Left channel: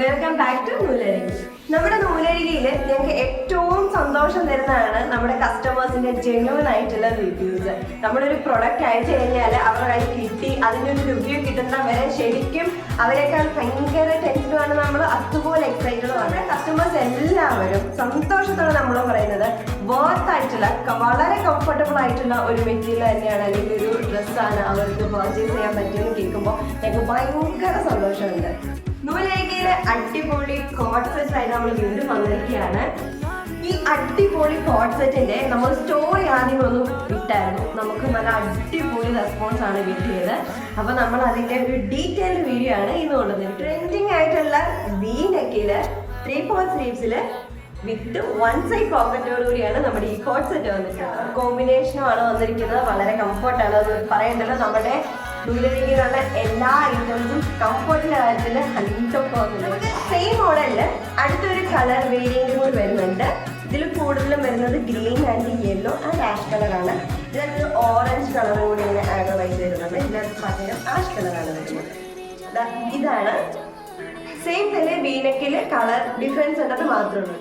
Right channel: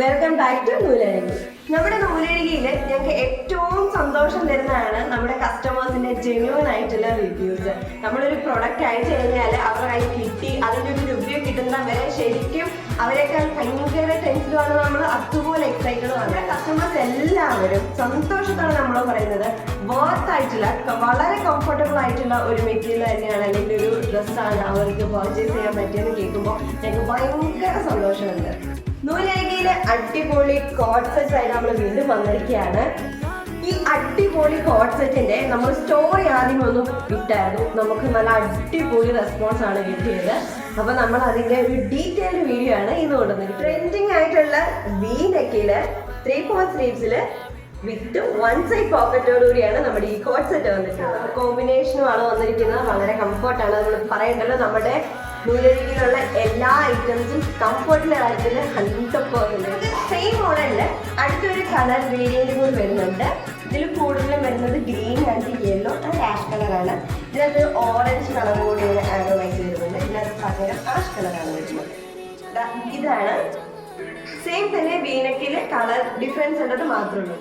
Welcome back to നൂലഴകി. നമ്മുടെ നൂലഴകിയിൽ ഞങ്ങൾക്ക് ഏറ്റവും സന്തോഷം തരുന്നതാണ് നമ്മുടെ കസ്റ്റമേഴ്സിന്റെ ജെന്യൂൻ ആയിട്ടുള്ള റിവ്യൂസ്. നമ്മളൊരു പ്രൊഡക്റ്റ് അയച്ചു കഴിഞ്ഞാൽ അവരുടെ കയ്യിൽ കിട്ടി അതിൻ്റെ ഒരു റിവ്യൂ കിട്ടുന്ന വരെ ശരിക്കും അവരൊക്കെ ഭയങ്കര ടെൻഷനാണ്. നമ്മൾ അതുപോലെ എക്സൈറ്റഡുമാണ്. കസ്റ്റമേഴ്സ് എല്ലാവരും സന്തോഷത്തോടെ നമ്മൾ പറയുന്നത് വർത്ത് ആയിട്ടുള്ള വളരെ കംഫർട്ടബിൾ ആയിട്ടുള്ള ഒരു മെറ്റീരിയൽ തന്നെയാണ്, അല്ലെങ്കിൽ ഒരു ഡ്രസ്സാണ് അവർക്ക് പർച്ചേസ് ചെയ്യാൻ പറ്റിയെന്ന് കേൾക്കുമ്പോൾ ഞങ്ങൾക്ക് ഭയങ്കര സന്തോഷമുണ്ട്. നൂലഴകിയിലെ അടിപൊളി കോട്ട് സെറ്റ് ആയിട്ട് നമ്മൾ വീണ്ടും വന്നിരിക്കുകയാണ്. ഈ അടിപൊളി കോട്ട് സെറ്റിന്റെ നമ്മൾ സ്റ്റോറി ആദ്യം ഒന്ന് ഇട്ടായിരുന്നു. നമുക്ക് നല്ല അടിപൊളി റെസ്പോൺസ് ആണ് കിട്ടിയത്. അപ്പൊ നമ്മൾ അതിന്റെ ഒരു ഡീറ്റെയിൽഡ് വീഡിയോ ആണ് ഇന്ന് കൊണ്ടുവന്നത്. ട്രെൻഡിങ് ആയിട്ടുള്ള വി നെക്കില് 3/4 സ്ലീവ്സില് വിത്ത് 1 സൈഡ് പോക്കറ്റോടുകൂടിയാണ് നമ്മുടെ ഈ കോട്ട് സെറ്റ് വന്നിട്ടുള്ളത്. കോമ്പിനേഷനുമാണ് വന്നിരിക്കുന്നത്. വളരെ കംഫർട്ടാണ്. അത് പറയേണ്ടത് നമ്മുടെ നൂലഴകിയിലുള്ള എല്ലാ ഐറ്റംസും കംഫർട്ടിന്റെ കാര്യത്തിൽ 100%. സെയിം മോഡലില് അടുത്തൊരു കളർ വേരിയന്റ് കൂടി വരുന്നുണ്ട്. ഇതിൽ കൂടുതലും വരുന്നത് green and yellow and ash കളറാണ്. ഇതിനകത്ത് ഓറഞ്ച് കളർ കൂടി ഇങ്ങനെ ആഡോവായിട്ട് വരുന്നുണ്ട്. ഇതിനകത്ത് പകരം ആഷ് കളറാണ് വരുന്നത്. ഇതാണ് സെയിം തന്നെ വീനക്കില് കളർ ഡിഫറൻസ് ഉള്ളത് മാത്രമേ ഉള്ളൂ.